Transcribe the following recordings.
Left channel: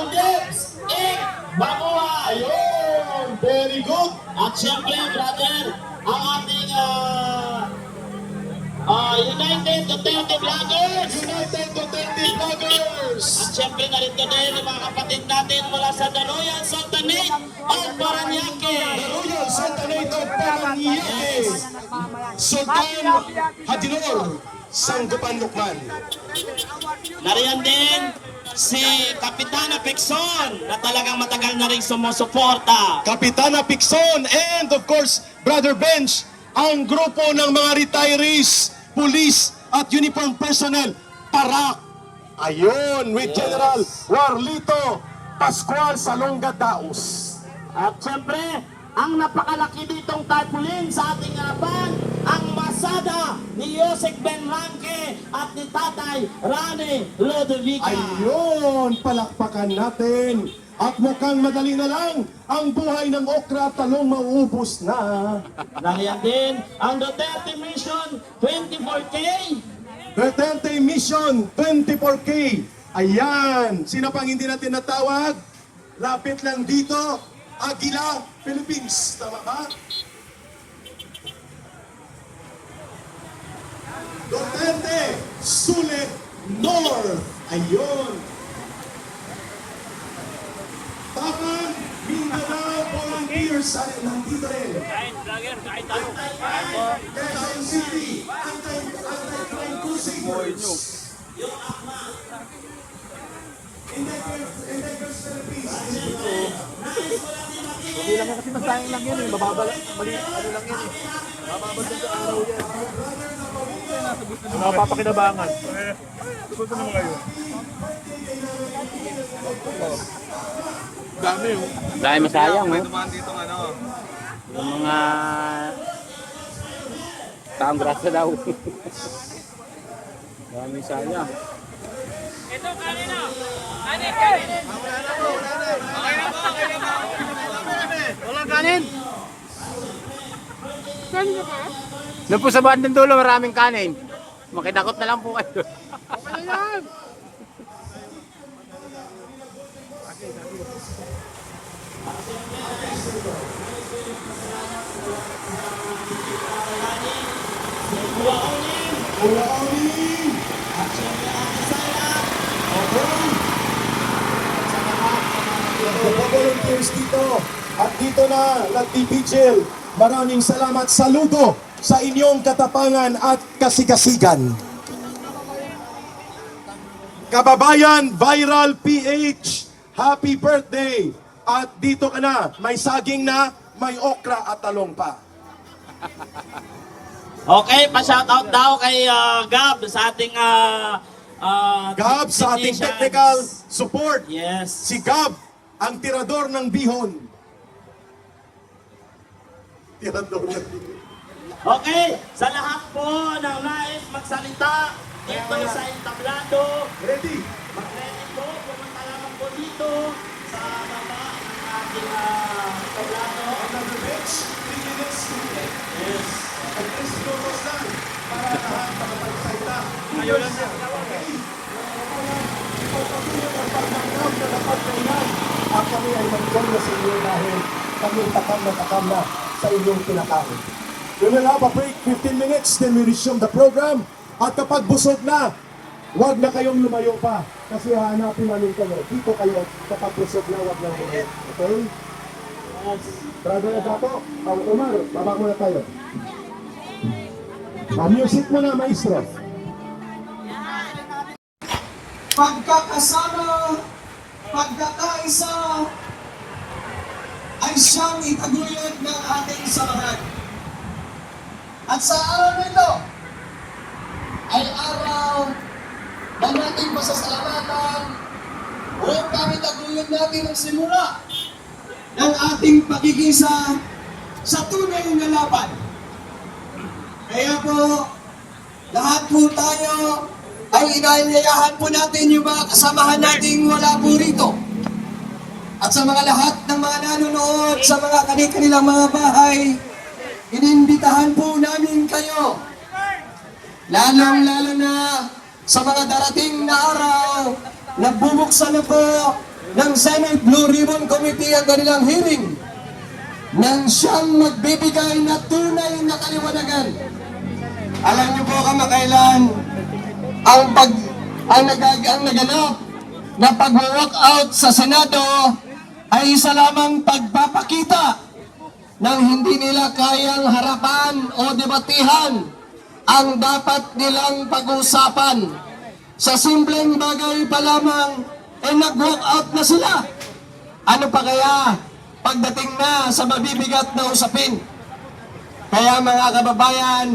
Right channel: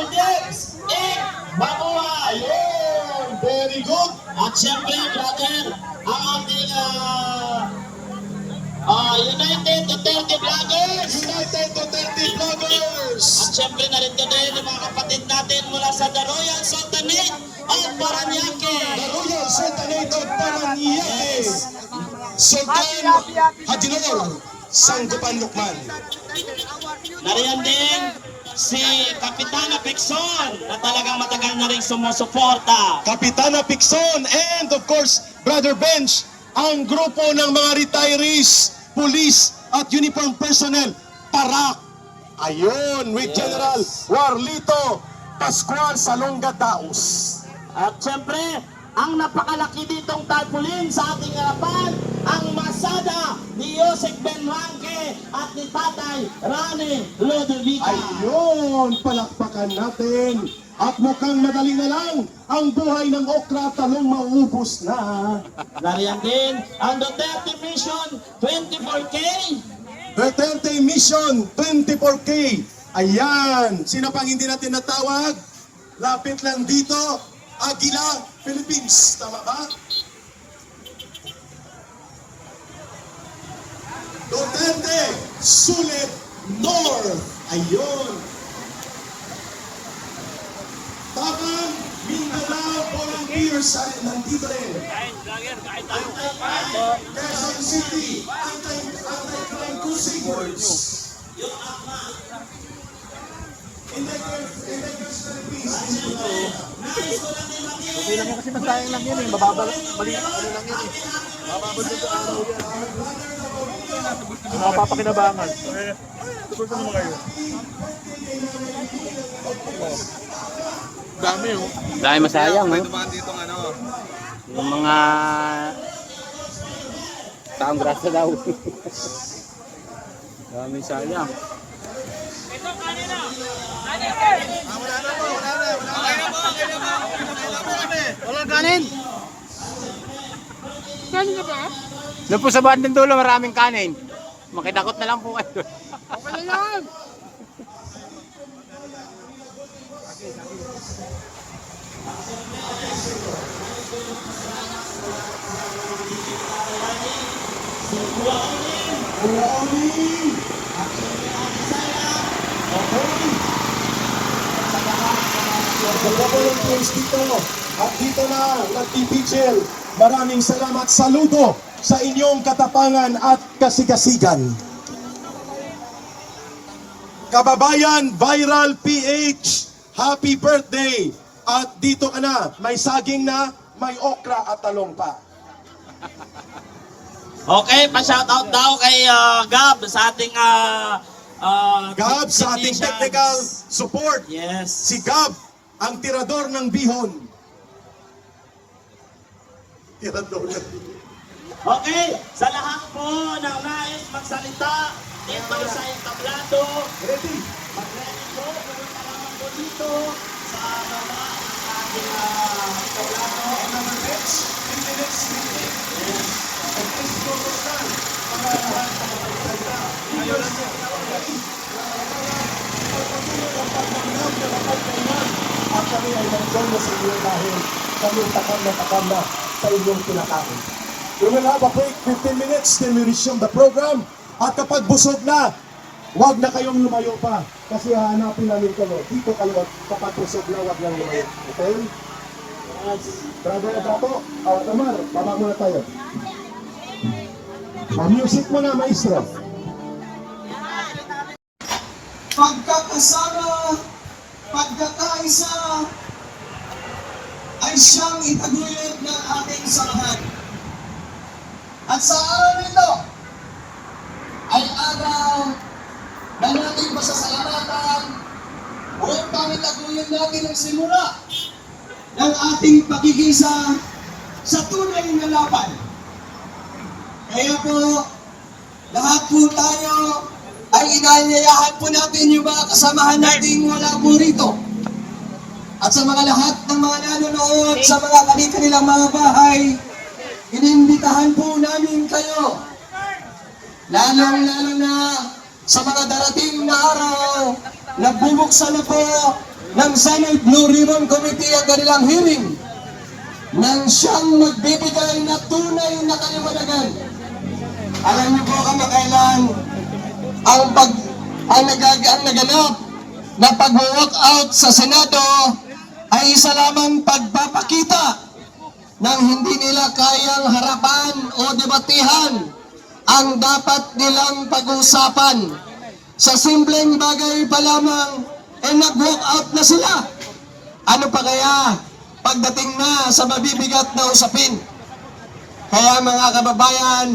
Maldives, Inc. Mabuhay! Ayun! Very good! At siyempre, brother, ang ating United Duterte Vloggers. United Duterte Vloggers! At siyempre na rin din yung mga kapatid natin mula sa The Royal Sultanate of Paranaque. The Royal Sultanate of Paranaque! Sultan Hadinor Sanggupan Lukman. Nariyan din si Kapitana Pixon na talagang matagal na rin sumusuporta. Kapitana Pixon and of course, Brother Bench, ang grupo ng mga retirees, police at uniform personnel, Parak. Ayun, with General Warlito Pascual Salonga Daos. At siyempre, ang napakalaki ditong tarpaulin sa ating harapan, ang masada ni Joseph Benmanque at ni Tatay Rani Ludovica. Ayun, palakpakan natin. At mukhang madali na lang ang buhay ng okra at talong mauubos na. Nariyan din ang Duterte Mission 24K. Duterte Mission 24K. Ayan, sino pang hindi natin natawag? Lapit lang dito, Aguila, Philippines. Tama ba? Duterte Sulit North. Ayun. Tapang Mindanao Volunteers ay nandito rin. Kain, vlogger, kain tayo. Quezon City, Anti-Crime Crusaders. Okay lang yan kasi magsayang lang yan eh. Mababa lang. Mali lang yan eh. Napapakinabangan. Tupunta naman kayo. Dami oh. Dahil masayang eh. Yung mga taong grasa daw. Dami sayang. Walang kanin. Doon po sa bandang dulo maraming kanin. Makidakot na lang po kayo. Volunteers dito at dito na nagpipigil. Maraming salamat, saludo sa inyong katapangan at kasigasigan. Kababayan Viral PH, happy birthday! At dito ka na, may saging na, may okra at talong pa. Okay, pa-shoutout daw kay Gab sa ating Gab sa ating technicians. technical support. Yes. Si Gab, ang tirador ng bihon. Tirador ng bihon. Okay, sa lahat po ng nais magsalita dito sa entablado, Ready? mag-ready po, pumunta lamang po dito sa baba ng ating entablado. Para lahat makapagsalita. Ayun na. Pagpatuloy ang pagtanggap na napagkainan. At kami ay nandiyan na sa inyo dahil kami takam na sa inyong pinakain. We will have a break, 15 minutes, then we resume the program. At kapag busog na, huwag na kayong lumayo pa. Kasi hahanapin namin kayo. Dito kayo kapag busog na, huwag na lumayo. Okay? Brother Agato, Omar, baba muna tayo. Pa-music mo na, maestro. Pagkakasama, pagkakaisa, ay siyang itaguyod ng ating samahan. At sa araw nito, ay araw na nating pasasalamatan upang itaguyod natin ang simula ng ating pagigisa sa tunay na laban. Kaya po, lahat po tayo ay inaanyayahan po natin yung mga kasamahan nating wala po rito. At sa mga lahat ng mga nanonood sa mga kanilang mga bahay, inimbitahan po namin kayo. Lalong-lalo na sa mga darating na araw, nagbubuksan na po ng Senate Blue Ribbon Committee ang kanilang hearing nang siyang magbibigay na tunay na kaliwanagan. Alam niyo po kamakailan ang naganap na pag-walk out sa Senado ay isa lamang pagpapakita ng hindi nila kayang harapan o debatihan ang dapat nilang pag-uusapan. Sa simpleng bagay pa lamang, nag-walk out na sila. Ano pa kaya pagdating na sa mabibigat na usapin? Kaya mga kababayan,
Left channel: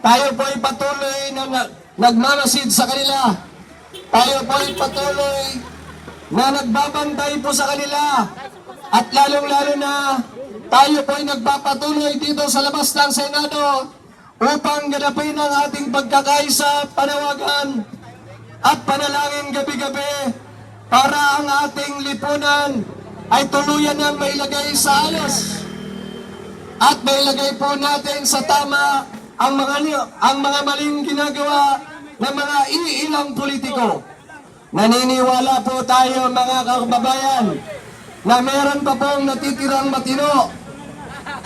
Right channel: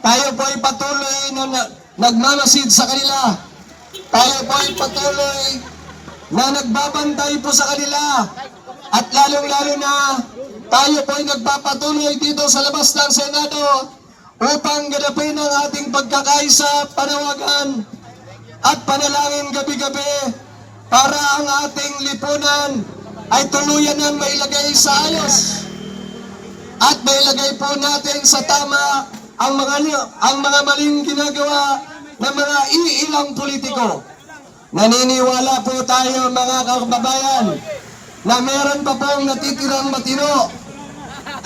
tayo po ay patuloy na nagmamasid sa kanila. Tayo po ay patuloy na nagbabantay po sa kanila. At lalong-lalo na tayo po ay nagpapatuloy dito sa labas ng Senado upang ganapin ang ating pagkakaisa, panawagan at panalangin gabi-gabi para ang ating lipunan ay tuluyan na mailagay sa ayos at mailagay po natin sa tama ang mga maling ginagawa ng mga iilang politiko. Naniniwala po tayo mga kababayan na meron pa pong natitirang matino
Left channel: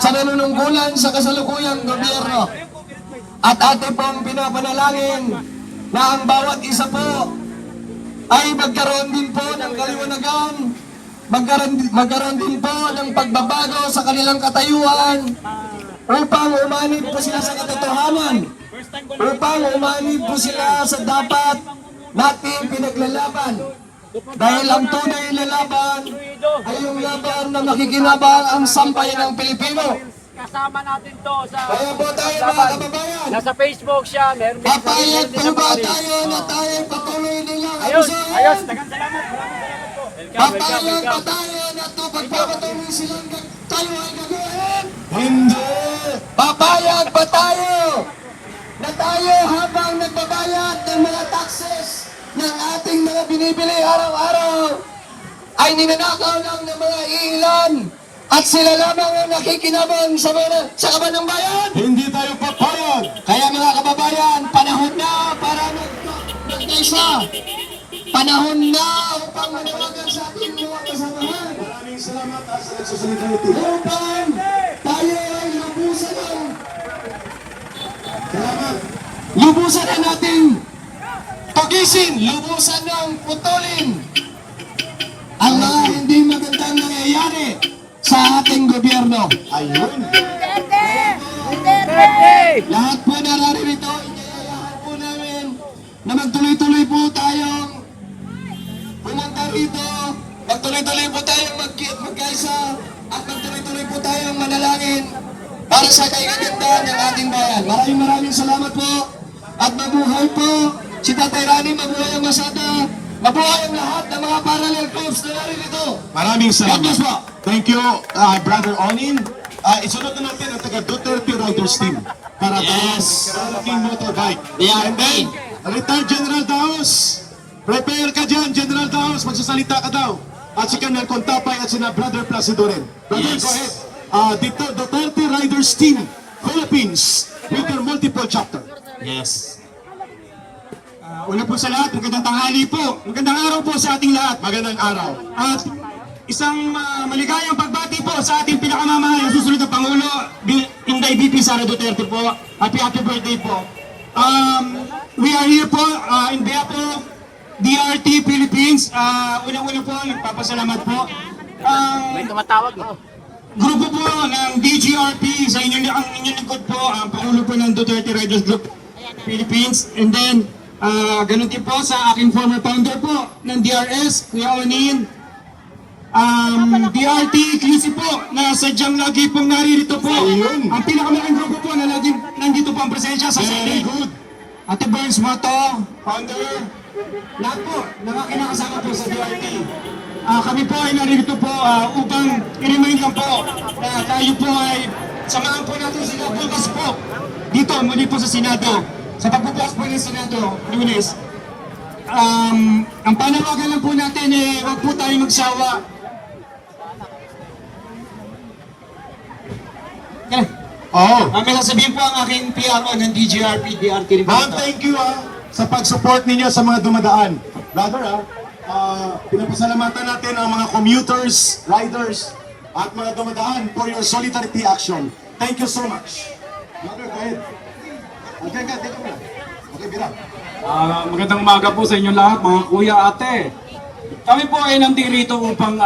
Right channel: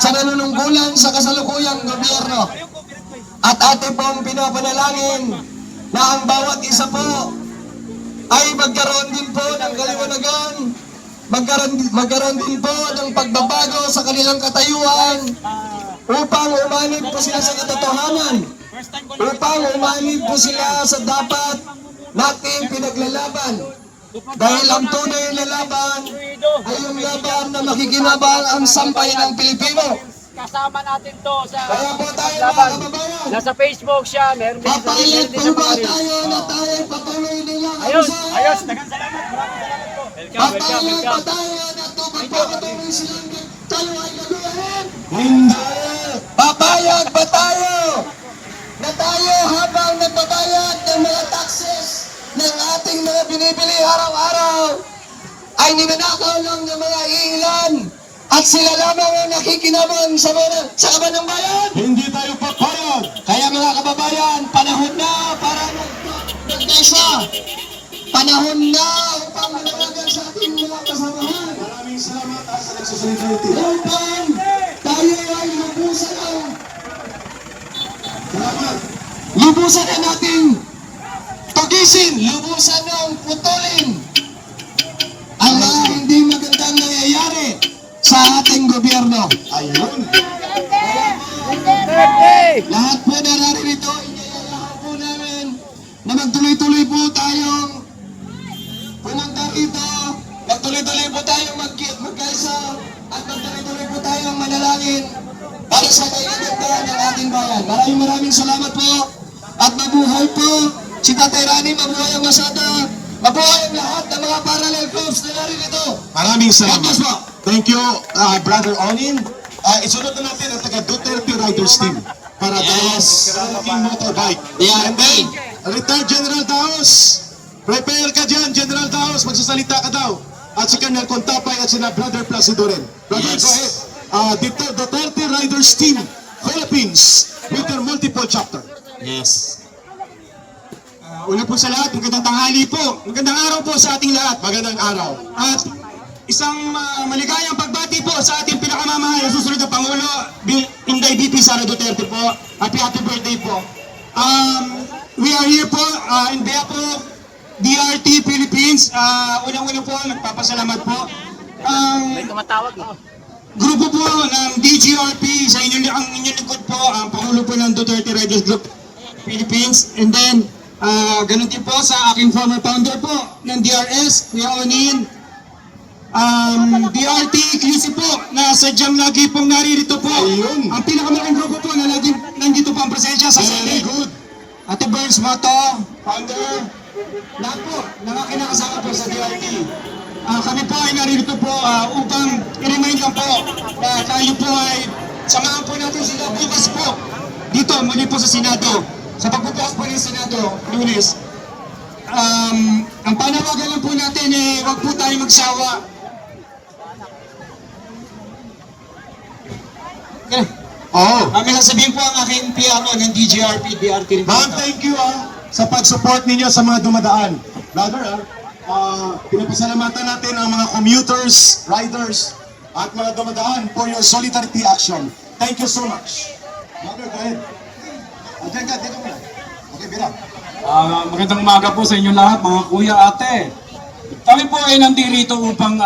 sa nanunungkulan sa kasalukuyang gobyerno. At ating pong pinapanalangin na ang bawat isa po ay magkaroon din po ng kaliwanagan, magkaroon din po ng pagbabago sa kanilang katayuan upang umanib po sila sa katotohanan, upang umanib po sila sa dapat nating pinaglalaban. Dahil ang tunay na laban ay yung laban na makikinabang ang sampay ng Pilipino. Kasama natin to sa Kaya po tayo mga kababayan, nasa Facebook siya, meron din papayag din po sa ba mga tayo na tayo patuloy nilang Ayos, dagang salamat, maraming salamat po. Welcome, Papayag ba welcome. tayo na ito pagpapatuloy silang tayo ay gagawin? Hindi! Papayag ba tayo na tayo habang nagbabayad ng mga taxes ng ating mga binibili araw-araw ay ninanakaw lang ng mga ilan at sila lamang ang nakikinamon sa kaban ng bayan? Hindi tayo papayag! Kaya mga kababayan, panahon na para magkaisa. Panahon na upang manawagan sa ating mga kasamahan. Maraming salamat sa nagsusunod. Upang tayo ay lubusan ng Salamat! lubusan na natin tugisin, lubusan ng putulin ang mga hindi magandang nangyayari sa ating gobyerno. Ayun! Lahat po nararito, inayayaan po namin na magtuloy-tuloy po tayong pumunta rito, magtuloy-tuloy po tayong magkaisa at magtuloy-tuloy po tayong manalangin para sa kaigaganda ng ating bayan. Maraming salamat po at mabuhay po si Tatay Rani, mabuhay ang Masada, mabuhay ang lahat ng mga parallel clubs na narito. Maraming salamat. God bless po. Thank you, Brother Onin. Isunod na natin ang taga Duterte Riders Team para yes. Sa ating motorbike. And then, Retired General Daos. Prepare ka dyan, General Daos. Magsasalita ka daw. At si Colonel Contapay at sina Brother Placido rin. Brother, go ahead. Dito, Duterte Riders Team, Philippines, with their multiple chapter. Yes. Una po sa lahat, magandang tanghali po. Magandang araw po sa ating lahat. Magandang araw. At isang maligayang pagbati po sa ating pinakamamahal na susunod na Pangulo, Inday VP Sara Duterte po. Happy birthday po. We are here po in behalf of DRT Philippines. Unang-una po, nagpapasalamat po. May tumatawag no? Grupo po ng DGRP sa inyong likod po, ang Pangulo po ng Duterte Riders Group Philippines. And then, ganun din po sa aking former founder po ng DRS, Kuya Onin. DRT Ecclesia po, na sadyang lagi pong naririto po. Ayun. Ang pinakamalaking grupo po na lagi nandito po ang presensya sa Very Senate. good. Ate Burns Mato, founder, lahat po, ng aking nakasama po sa DRT. Kami po ay naririto po upang i-remind lang po na tayo po ay samahan po natin sila bukas po dito muli po sa Senado. Sa pagbubukas po ng Senado, Lunes, ang panawagan lang po natin huwag po tayo magsawa. Okay. Oh. May sasabihin po ang aking PRO ng DGRP, DRT. Ma'am, thank you sa pag-support ninyo sa mga dumadaan. Brother, Pinapasalamatan natin ang mga commuters, riders, at mga dumadaan for your solidarity action. Thank you so much. Mother, go ahead. Okay, ka, dito mo. Okay, Bira. Magandang umaga po sa inyo lahat, mga kuya, ate. Kami po ay nandito upang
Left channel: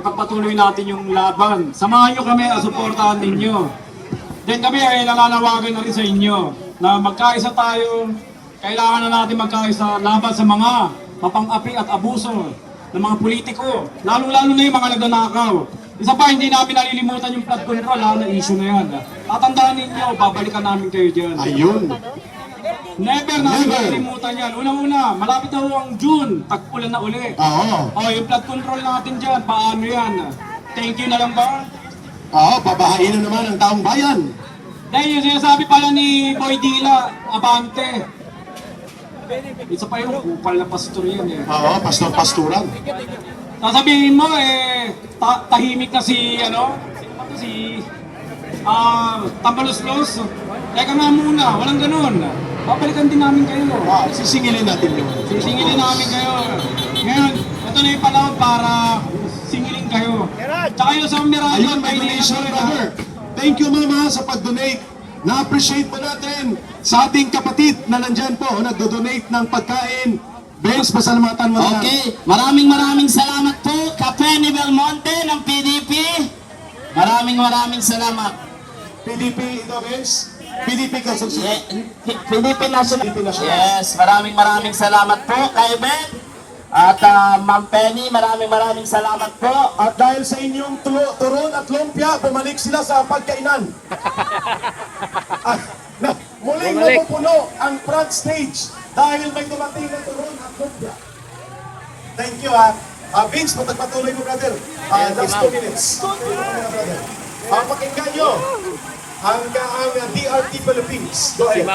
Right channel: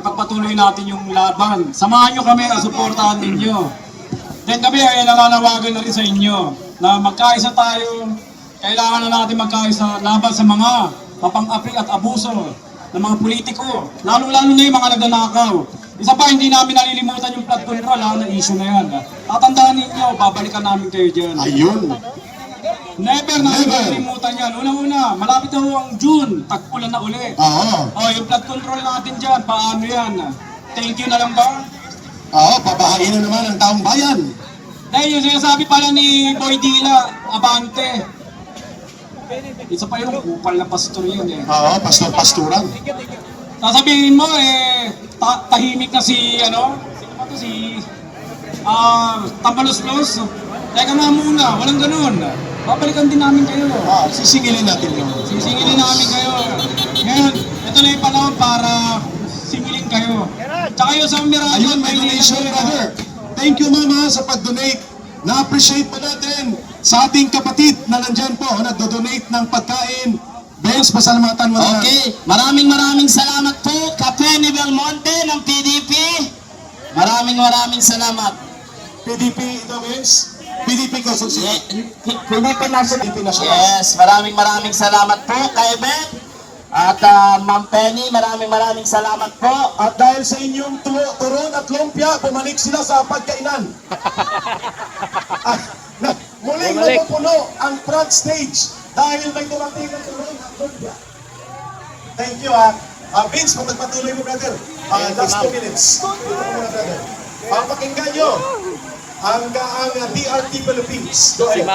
ipagpatuloy natin yung laban. Samahan nyo kami at suportahan ninyo. Then kami ay nananawagan na rin sa inyo na magkaisa tayo. Kailangan na natin magkaisa laban sa mga papang-api at abuso ng mga politiko. Lalo-lalo na yung mga nagnanakaw. Isa pa, hindi namin nalilimutan yung flood control, na issue na yan. Tatandaan ninyo, babalikan namin kayo dyan. Ayun. Never namin nalilimutan yan. Unang-una, malapit na ho ang June, tag-ulan na uli. Oo. Yung flood control natin dyan, paano yan? Thank you na lang ba? Oo, babahain na naman ang taong bayan. Dahil yung sinasabi pala ni Boy Dila, abante. Isa pa yung kupal na pastor yan eh. Oo, pastor-pasturan. Sasabihin mo tahimik na si Tambalos-los. Teka nga muna, walang ganun. Babalikan din namin kayo. Sisingilin natin yun. Sisingilin namin kayo. Ngayon, ito na yung panahon para singilin kayo. Tsaka yung sa Miranda, Ayun, may donation, brother. Thank you, mama, sa pag-donate. Na-appreciate po natin sa ating kapatid na nandyan po, nagdo-donate ng pagkain. Benz, pasalamatan mo na. Okay, maraming salamat po, Cafe ni Belmonte ng PDP. Maraming salamat. PDP, ito, Benz. PDP ka, PDP National. Yes, maraming salamat po kay Ben. At Ma'am Penny, maraming salamat po. At dahil sa inyong turon at lumpia, bumalik sila sa pagkainan. Muling napupuno ang front stage dahil may dumating na turon at lumpia. Thank you, ha. Vince, patagpatuloy mo, brother. Last 2 minutes. Brother. Pakinggan nyo ang DRT Philippines. Go ahead.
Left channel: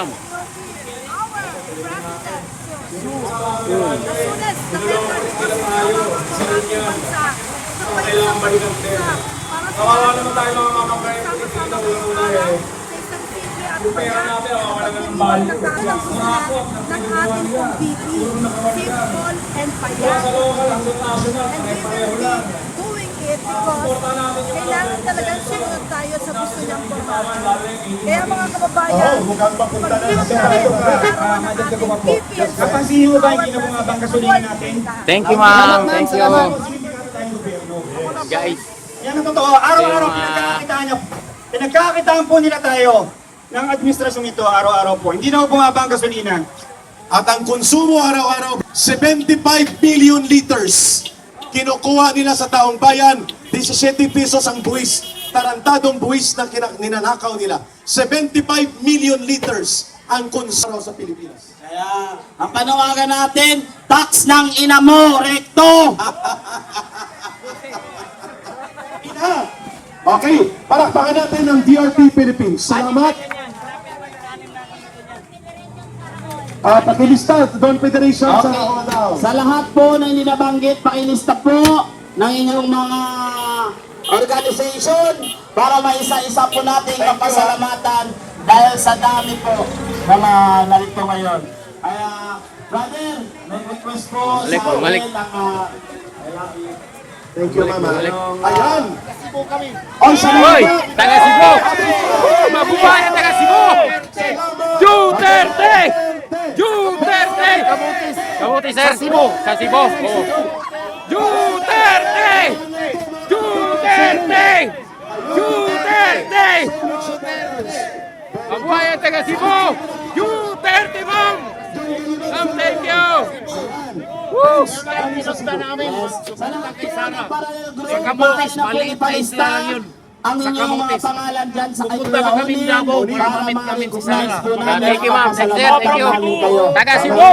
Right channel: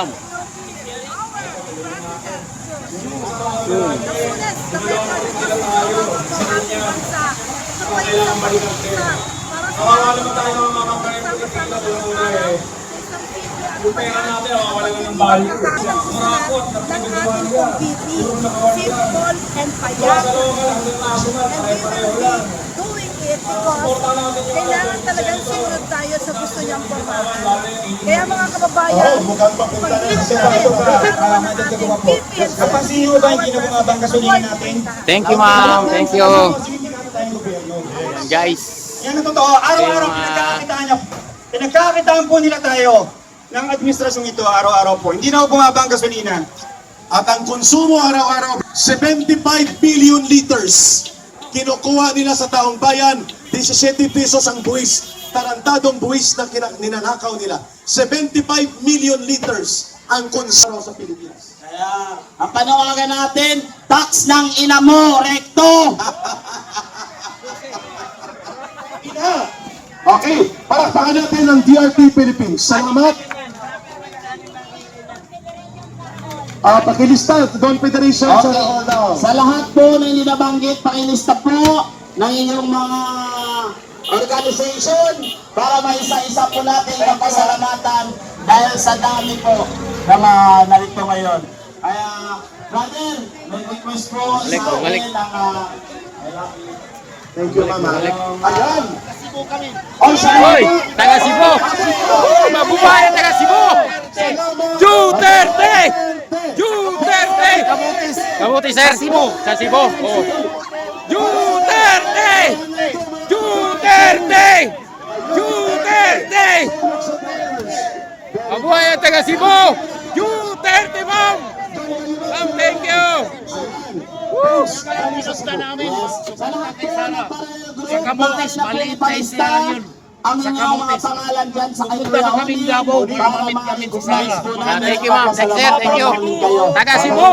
Kawawa naman tayo mga kabayan ng pera natin, wala nga ng value. ng ating pong VP, Chief Paul and Payat. And we will be doing it because kailangan talagang sumunod tayo sa gusto niyang pormahan. Kaya mga kababayan, pag-ibig natin ang arawan ng ating VP and our President. Thank you, ma'am. Thank you. Guys. Yan ang totoo. Araw-araw pinagkakitaan po nila tayo ng administrasyong ito araw-araw po. Hindi na po bumaba ang gasolina. At ang konsumo araw-araw, 75 billion liters. Kinukuha nila sa taong bayan, 17 pesos ang buwis. Tarantadong buwis na ninanakaw nila. 75 million liters ang konsumo sa Pilipinas. Kaya, ang panawagan natin, tax ng ina mo, rekto! Okay, palakpakan natin ng DRT Philippines. Salamat. Pakilista, Don Federation sa Okay. Sa lahat po na hindi nabanggit, pakilista po ng inyong mga organization para maisa-isa po natin ang pasalamatan dahil sa dami po na narito ngayon. Kaya, brother, may request po sa akin ng Thank you, Mama. Ayan. Hoy, taga Cebu. Mabuhay ang taga Cebu. Duterte! Duterte! Kamuti, sir. Sa Cebu. Oh. Duterte! Duterte! Duterte! Mabuhay ang taga Cebu. Duterte, ma'am. Ma'am, thank you. Woo! Sa Kamutis, maliit na isla yun. Ang inyong mga pangalan dyan sa kayo. Pupunta kami Davao para mamit kami si Sara. Thank you, ma'am. Thank you, thank you. Taga Cebu.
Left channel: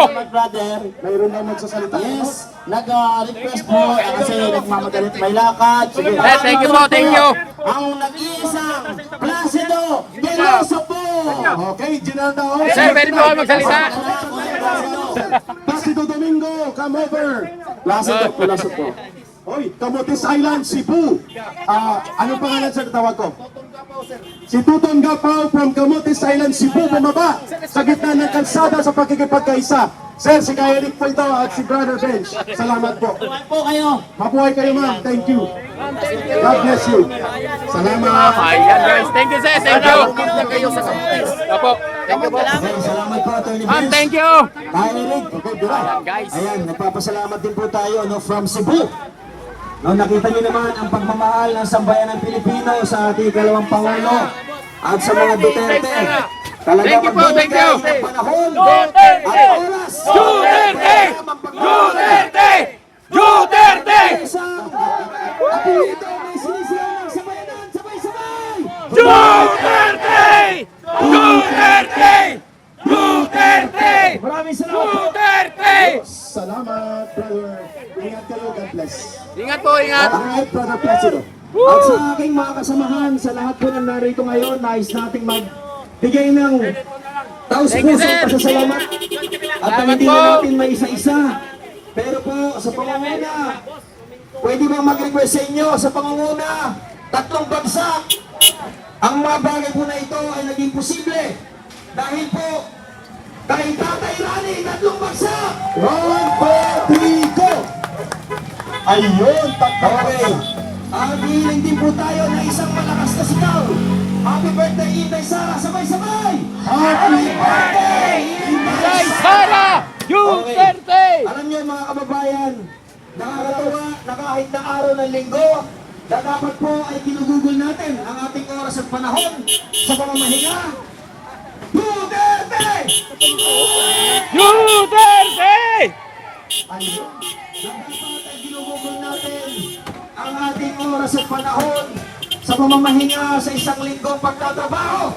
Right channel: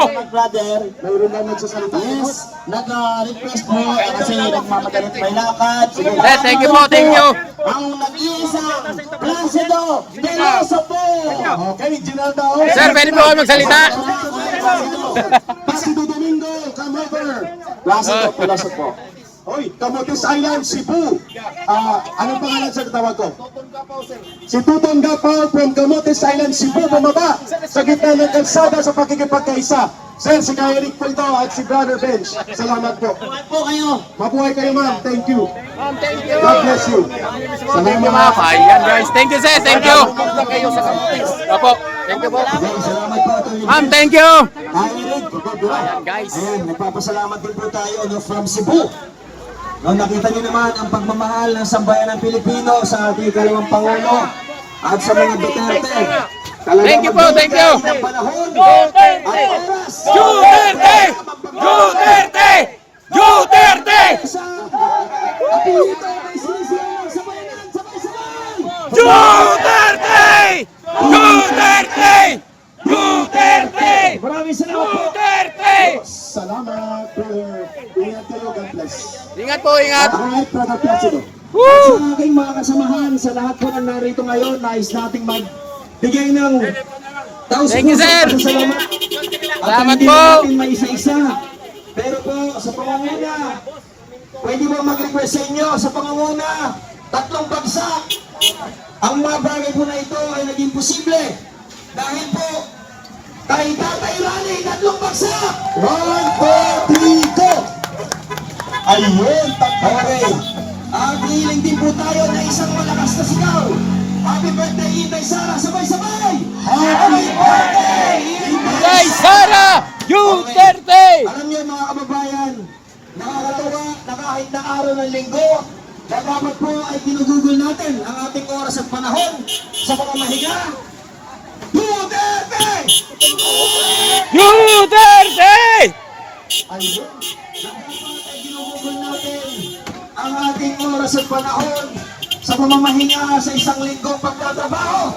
Mayroon na magsasalita. Yes, nag-request po kasi nagmamagalit may lakad. Sige. Thank you po, thank you. Ang nag-iisang Placido Piloso po. Okay, Ginaldo. Sir, pwede po kayo magsalita. Placido Domingo, come over. Placido Piloso po. Hoy, Camotes Island, Cebu. Anong pangalan sa tawag ko? Si Tutong Gapaw from Camotes Island, Cebu, bumaba sa gitna ng kalsada sa pakikipagkaisa. Sir, si Kaya Eric po ito at si Brother Bench. Salamat po. Buhay po kayo. Mabuhay kayo, ma'am. Thank you. God bless you. Salamat. Ayan guys, thank you sir, thank you. Pumunta kayo sa Kamutis. Opo, thank you po. Salamat po, Atty. Ma'am, thank you. Ayan guys. Ayan, nagpapasalamat din po tayo from Cebu. No, nakita niyo naman ang pagmamahal ng sambayan ng Pilipino sa ating ikalawang Pangulo at sa mga Duterte. Thank you po, thank you. Ng panahon at oras. Duterte! Duterte! Duterte! Apelyido may sinisiyan ng sambayanan. Sabay-sabay! Duterte! Duterte! Duterte! Maraming salamat po. Duterte! Salamat, brother. Ingat kayo. God bless. Ingat po, ingat. Alright, Brother Placido. At sa aking mga kasamahan, sa lahat po ng narito ngayon, nais nating magbigay ng Thank you, sir. pasasalamat. At Salamat hindi po. natin may isa-isa. Pero po, sa pangunguna, pwede ba mag-request sa inyo sa pangunguna, 3 bagsak. Ang mga bagay po na ito ay naging posible. Dahil po, kay Tatay Rani, 3 bagsak. 1, 2, 3, go! Ayun, okay. At hiling din po tayo na isang malakas na sigaw. Happy birthday, Inday Sara, sabay-sabay! Happy birthday, Kay Sara Duterte! Alam niyo mga kababayan, nakakatawa na kahit na araw ng linggo, na dapat po ay ginugugol natin ang ating oras at panahon sa pamamahiga. Duterte! Duterte! Ayun, dapat ay ginugugol natin ang ating oras at panahon sa pamamahinga sa isang linggong pagtatrabaho.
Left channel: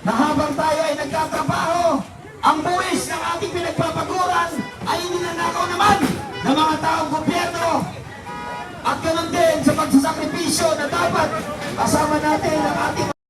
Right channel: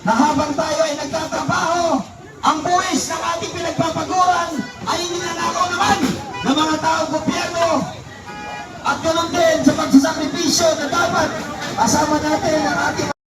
Na habang tayo ay nagtatrabaho, ang buwis ng ating pinagpapaguran ay ninanakaw naman ng mga taong gobyerno. At ganun din sa pagsasakripisyo na dapat kasama natin ang ating